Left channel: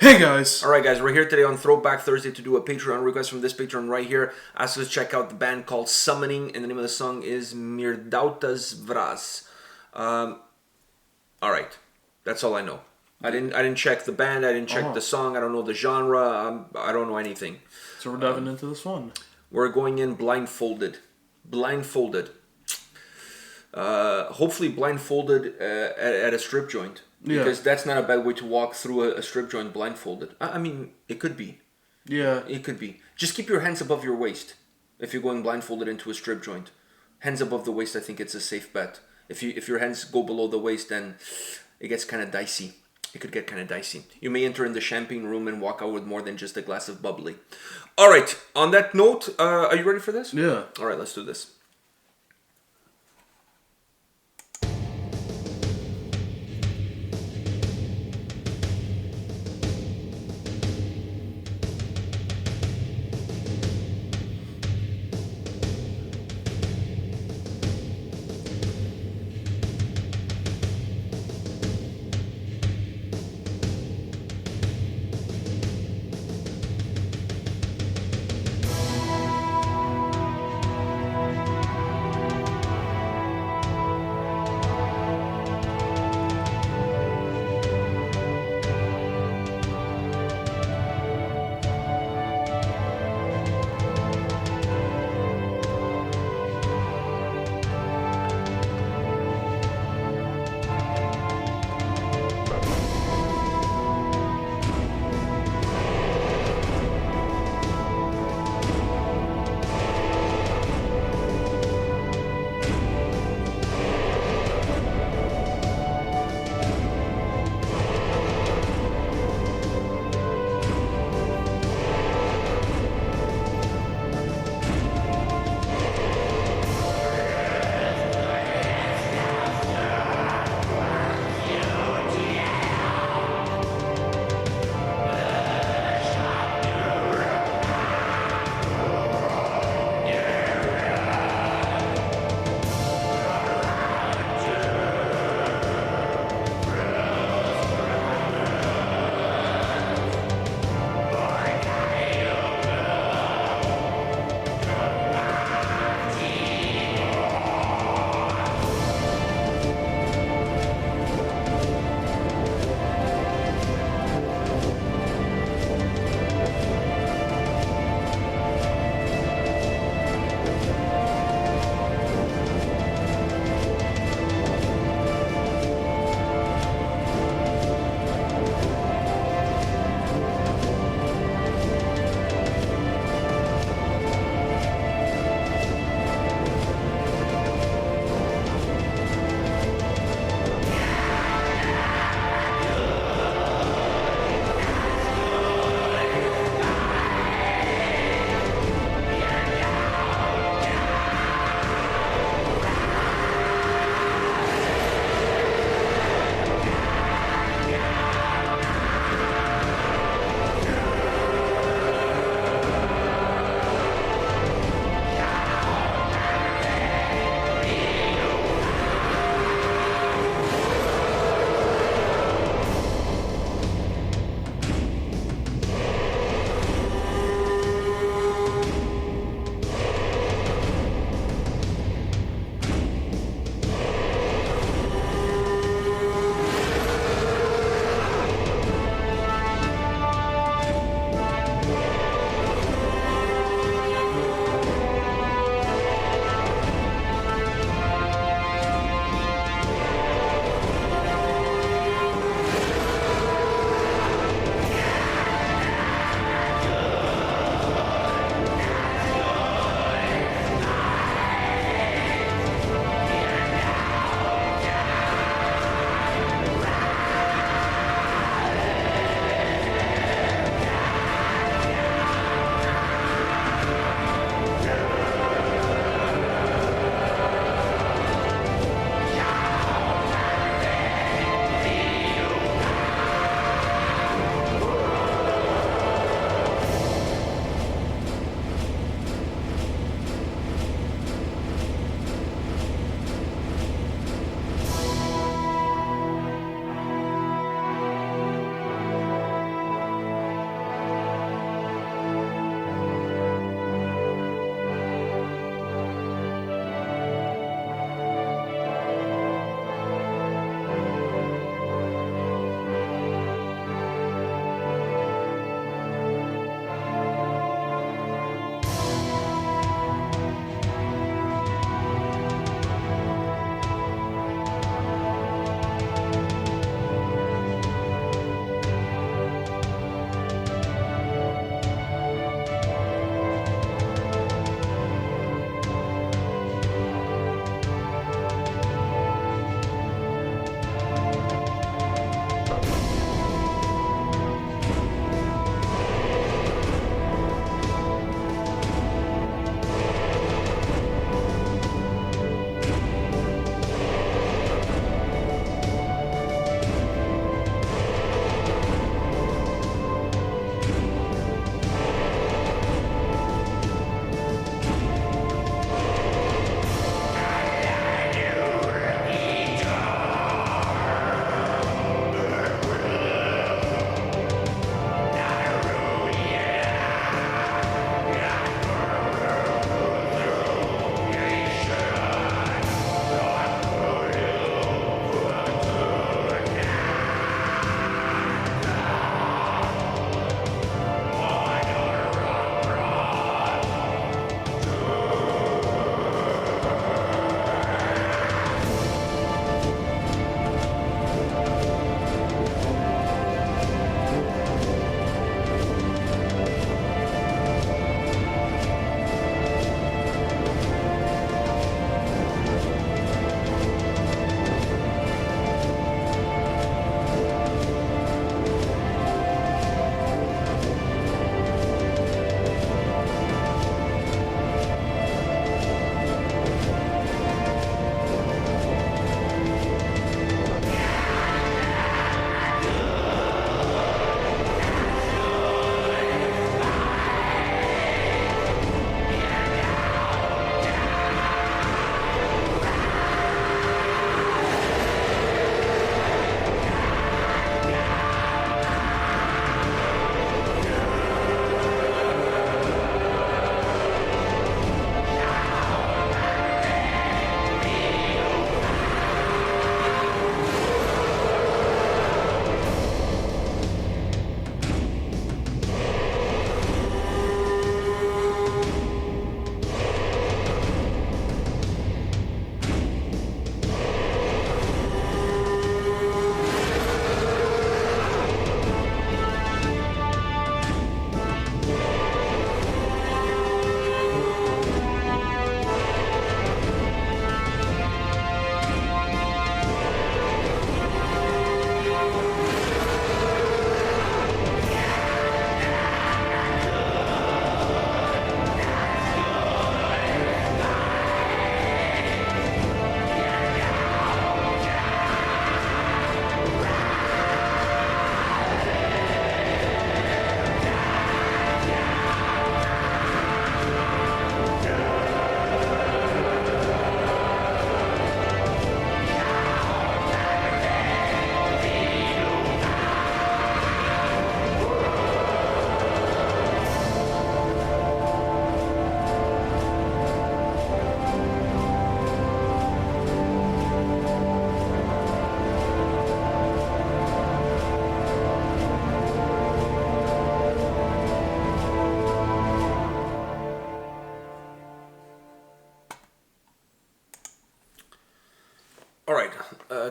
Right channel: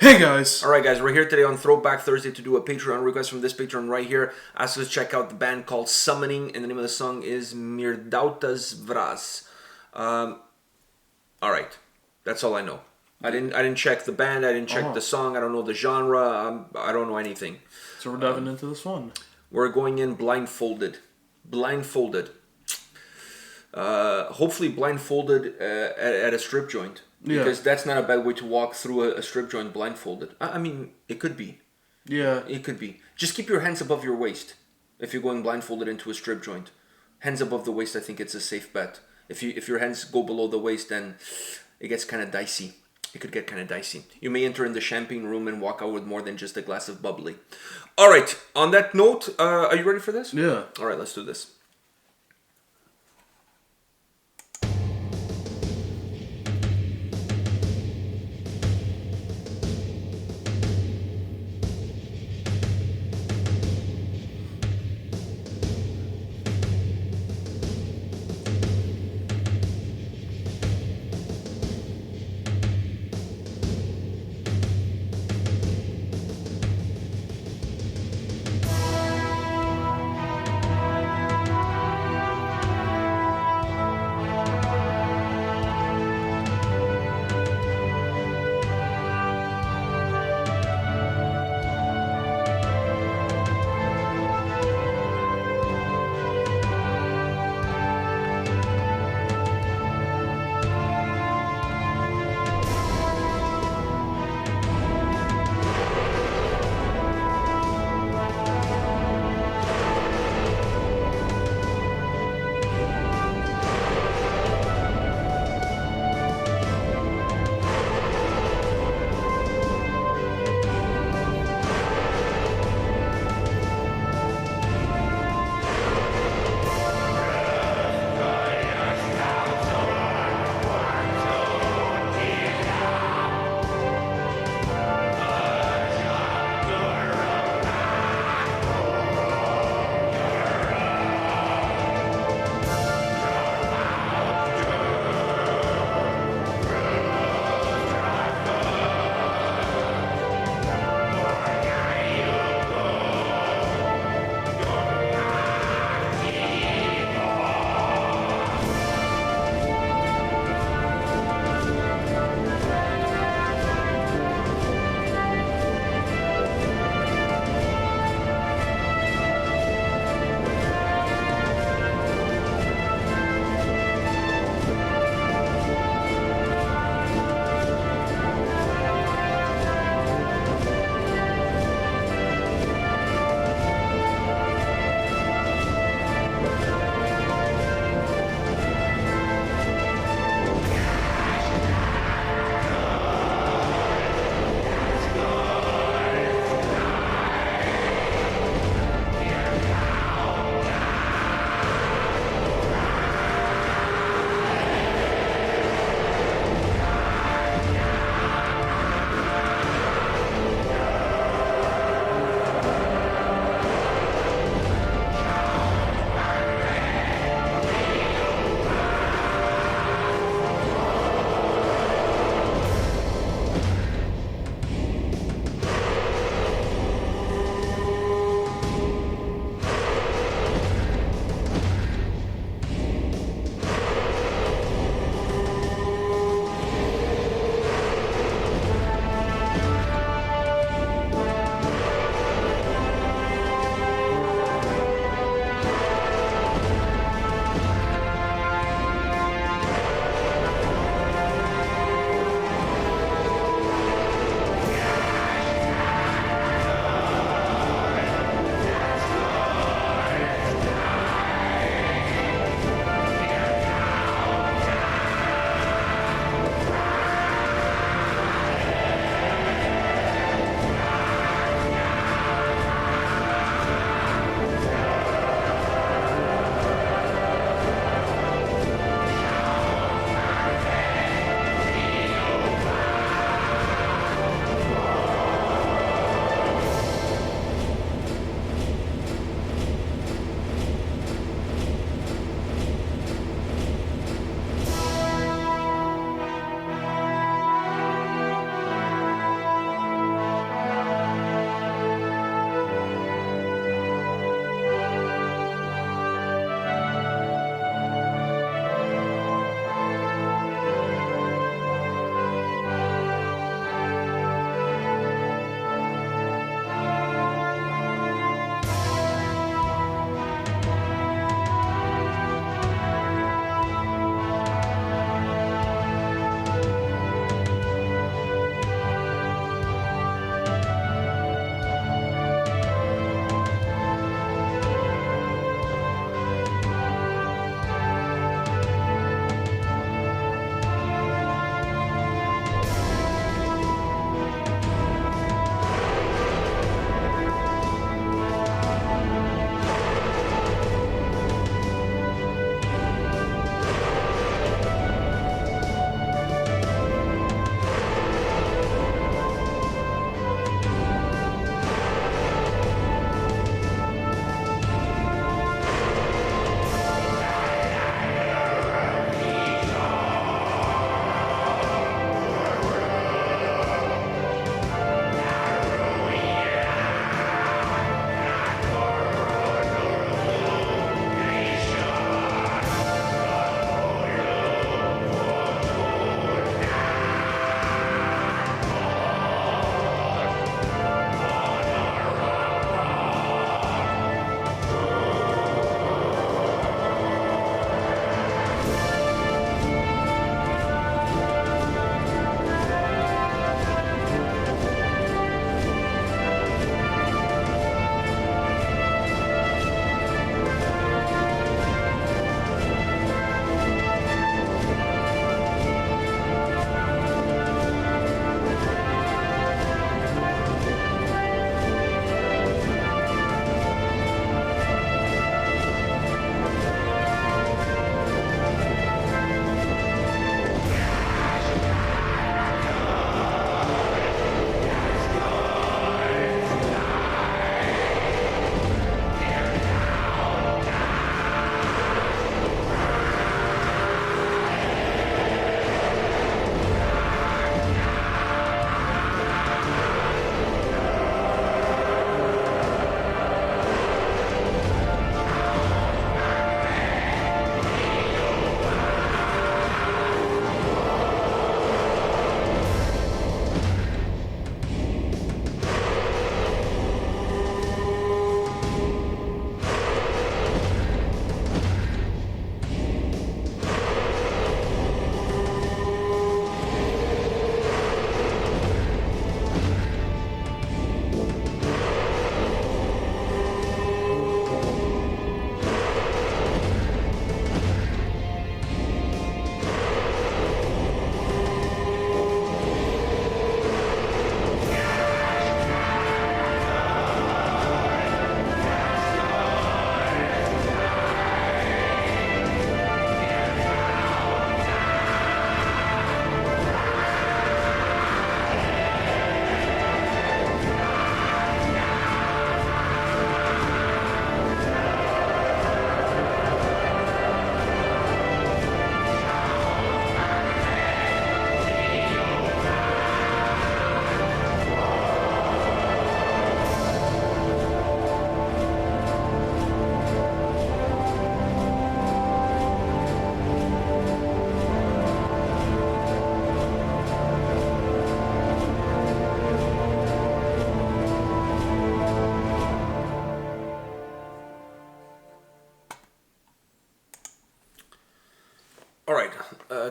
Hey guys! Alright guys, we're here today on Throwback Thursday to do a Patreon request from this Patreon right here. Ask us to check out the band called Summoning, and the name of the song is Mirdautas Vras. Alright, that's all I know. I didn't check the band, I didn't check the song, I don't know the genre, I don't know anything. So we're diving into this one. We're going in blindfolded. Hopefully blindfolded at a strip joint. Because that's not a bad way to walk through a strip joint blindfolded. I mean, it could be. Yeah. It could be. Just keep your hands above your waist if you're going blindfolded into a strip joint. Hands above the waist, I think it's a safe bet. If your hands go below the waist, then it gets kind of dicey. It could get kind of dicey. You may enter in the champagne room and walk out with more than just a glass of bubbly. All right. On that note, are you ready for this? Yeah. All right, let's do this.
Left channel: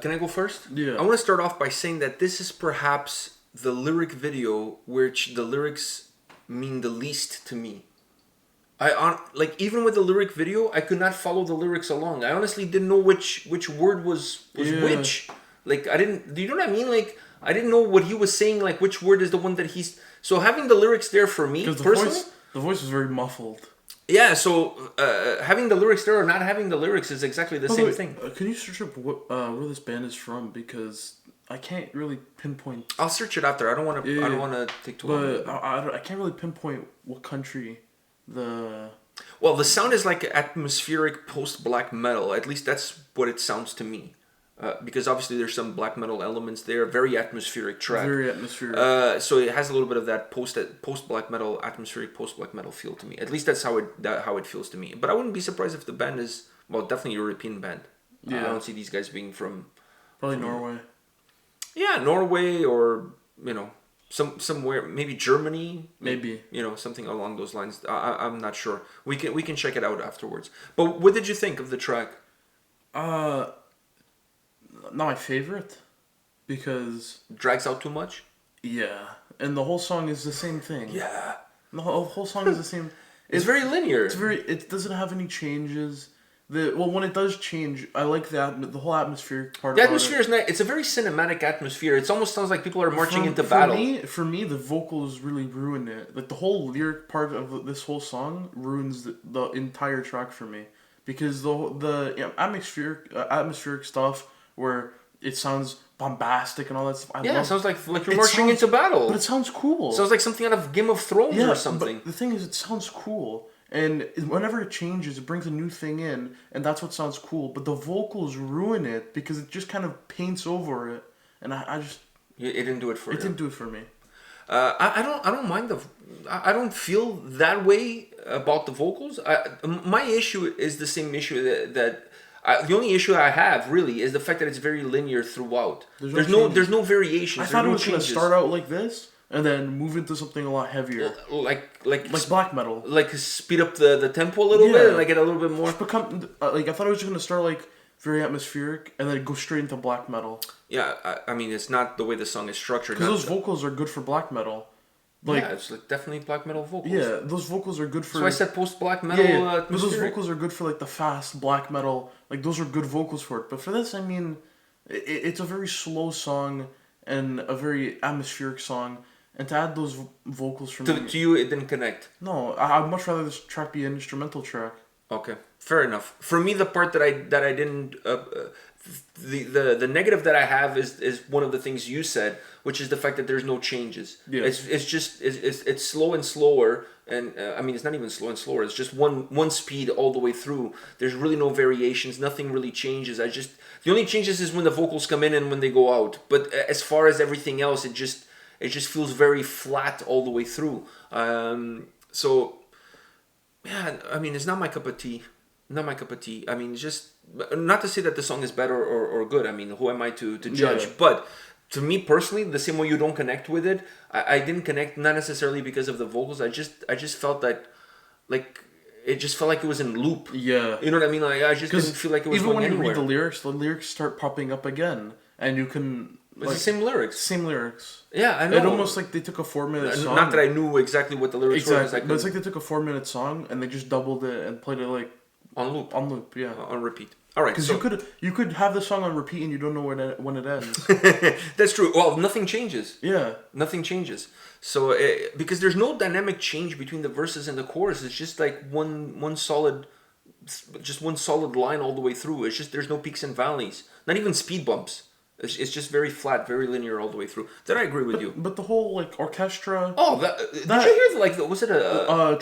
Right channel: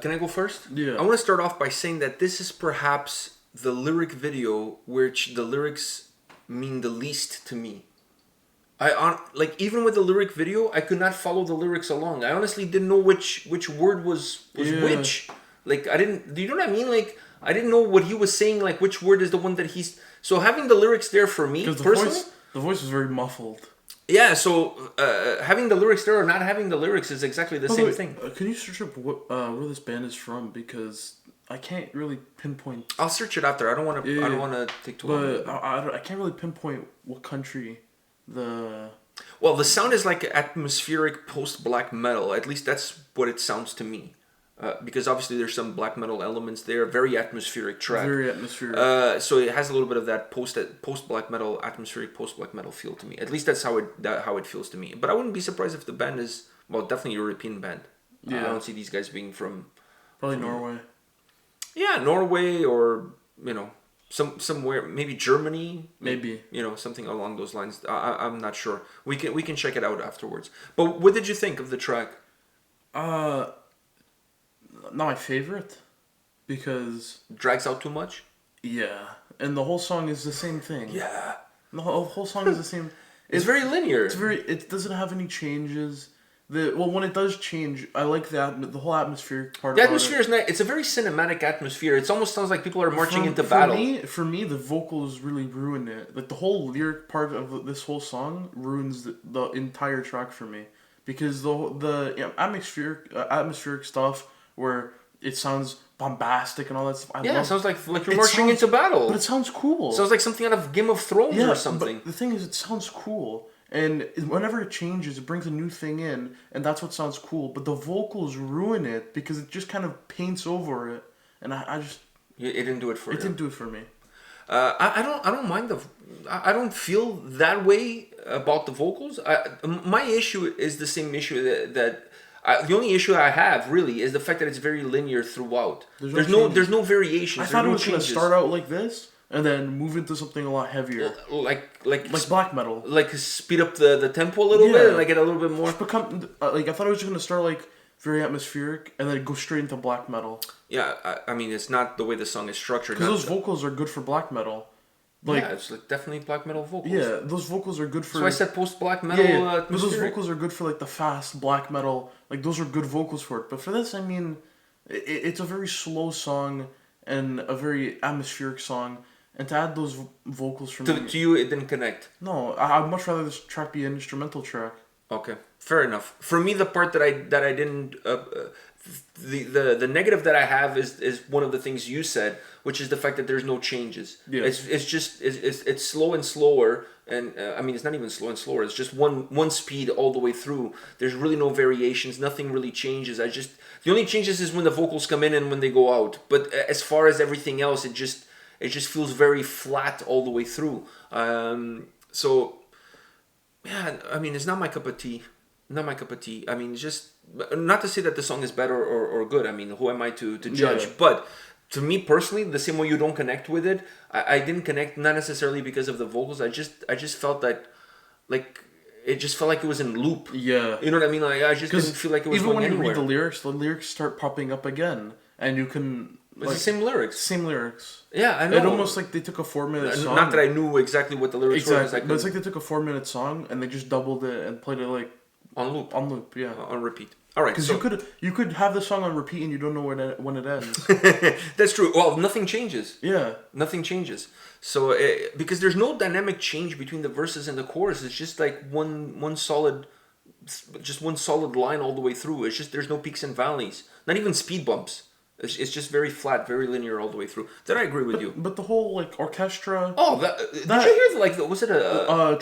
Can I go first? Yeah. I want to start off by saying that this is perhaps the lyric video which the lyrics mean the least to me. Even with the lyric video, I could not follow the lyrics along. I honestly didn't know which word was which. Like, I didn't. Do you know what I mean? Like, I didn't know what he was saying. Like, which word is the one that he's. So having the lyrics there for me personally, the voice was very muffled. Yeah. So having the lyrics there or not having the lyrics is exactly the same thing. Can you search up where this band is from? Because I can't really pinpoint. I'll search it after. I don't want to. I don't want to take too long. But I can't really pinpoint what country the. Well, the sound is like atmospheric post-black metal. At least that's what it sounds to me. Because obviously there's some black metal elements there. Very atmospheric track. Very atmospheric. So it has a little bit of that post-black metal, atmospheric post-black metal feel to me. At least that's how it feels to me. But I wouldn't be surprised if the band is, well, definitely a European band. Yeah. I don't see these guys being from... Probably Norway. Yeah, Norway or, somewhere, maybe Germany. Maybe. Something along those lines. I'm not sure. We can check it out afterwards. But what did you think of the track? Not my favorite, because drags out too much. Yeah, and the whole song is the same thing. Yeah, the whole song is the same. It's very linear. It doesn't have any changes. When it does change, I like the whole atmospheric part. The atmosphere is nice. It's a very cinematic atmosphere. It almost sounds like people are marching into battle. For me, the vocals really ruin it. Like the whole lyric part of this whole song ruins the entire track for me, because the atmospheric stuff, where it sounds bombastic and all that stuff. It sounds like you're marching into battle. But it sounds cool. Sounds like something out of Game of Thrones or something. But the thing is, it sounds cool. And whenever it changes, it brings a new thing in, and that's what sounds cool. But the vocals ruin it, because it just kind of paints over it. And I just... It didn't do it for you. It didn't do it for me. I don't mind I don't feel that way about the vocals. My issue is the same issue that the only issue I have really is the fact that it's very linear throughout. There's no variations. I thought it was going to start out like this and then move into something a lot heavier, like black metal. Like speed up the tempo a little bit and like get a little bit more. I thought it was going to start like very atmospheric and then go straight into black metal. Yeah, I mean it's not the way the song is structured. Because those vocals are good for black metal. It's like definitely black metal vocals. Yeah, those vocals are good for... So I said post-black metal But those vocals are good for like the fast black metal. Like those are good vocals for it. But for this, I mean, it's a very slow song and a very atmospheric song. And to add those vocals from... To you, it didn't connect? No, I'd much rather this track be an instrumental track. Okay, fair enough. For me, the part that I didn't... The negative that I have is one of the things you said, which is the fact that there's no changes. Yeah. It's slow and slower, and I mean it's not even slow and slower. It's just one speed all the way through. There's really no variations. Nothing really changes. The only changes is when the vocals come in and when they go out. But as far as everything else, it just feels very flat all the way through. So yeah, I mean it's not my cup of tea. Not my cup of tea. I mean, just not to say that the song is better or good. I mean, who am I to judge? Yeah. But to me personally, the same way you don't connect with it, I didn't connect, not necessarily because of the vocals. I just felt that, like, it just felt like it was in loop. Yeah. You know what I mean? Like, I just didn't feel like it was going anywhere. Even when you read the lyrics start popping up again, and you can... It's the same lyrics. Same lyrics. Yeah, I know. It almost like they took a 4-minute song. Not that I knew exactly what the lyrics were. But it's like they took a 4-minute song, and they just doubled it and played it, like... On loop. On loop, yeah. On repeat. All right. Because you could have the song on repeat and you don't know when it ends. That's true. Well, nothing changes. Yeah. Nothing changes. So because there's no dynamic change between the verses and the chorus, it's just like one solid line all the way through. It's just there's no peaks and valleys. Not even speed bumps. It's just very flat, very linear all the way through. Then I agree with you. But the whole like orchestra. Oh, did you hear was it a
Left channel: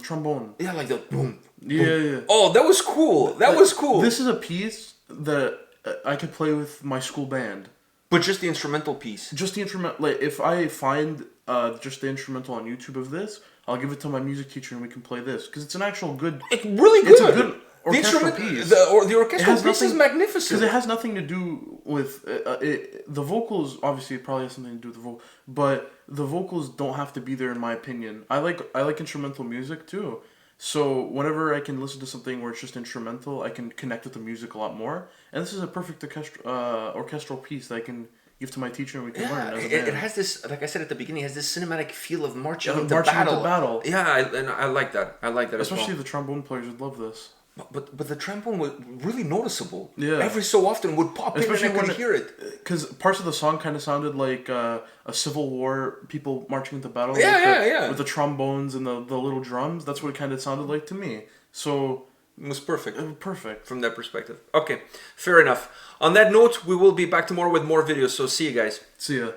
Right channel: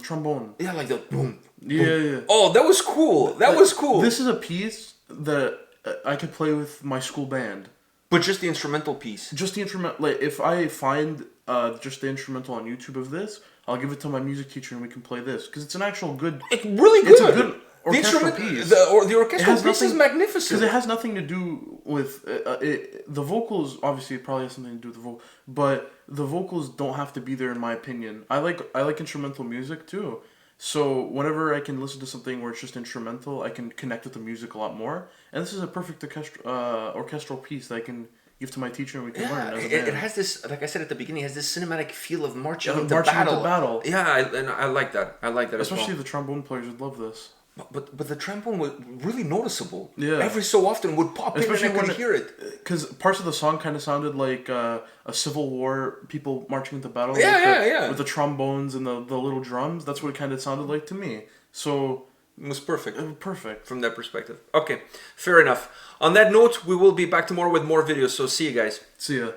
trombone? Yeah, like the boom. Yeah. Oh, that was cool. That was cool. This is a piece that I could play with my school band. But just the instrumental piece. Just the instrumental. Like if I find just the instrumental on YouTube of this, I'll give it to my music teacher and we can play this because it's an actual good. It's really good. It's a good orchestral piece. The orchestral piece is magnificent. Because it has nothing to do with the vocals. Obviously, it probably has something to do with the vocal, but the vocals don't have to be there in my opinion. I like instrumental music too. So whenever I can listen to something where it's just instrumental, I can connect with the music a lot more. And this is a perfect orchestral piece that I can give to my teacher and we can learn as a band. It has this, like I said at the beginning, it has this cinematic feel of marching Yeah, into marching battle. into battle. Yeah, and I like that. I like that Especially as well. the trombone players would love this. But the trombone was really noticeable. Yeah. Every so often would pop Especially in and I when could hear it. Because parts of the song kind of sounded like a Civil War, people marching into battle. Yeah. With the trombones and the little drums. That's what it kind of sounded like to me. So It was perfect. Perfect. From that perspective. Okay, fair enough. On that note, we will be back tomorrow with more videos, so see you guys. See ya.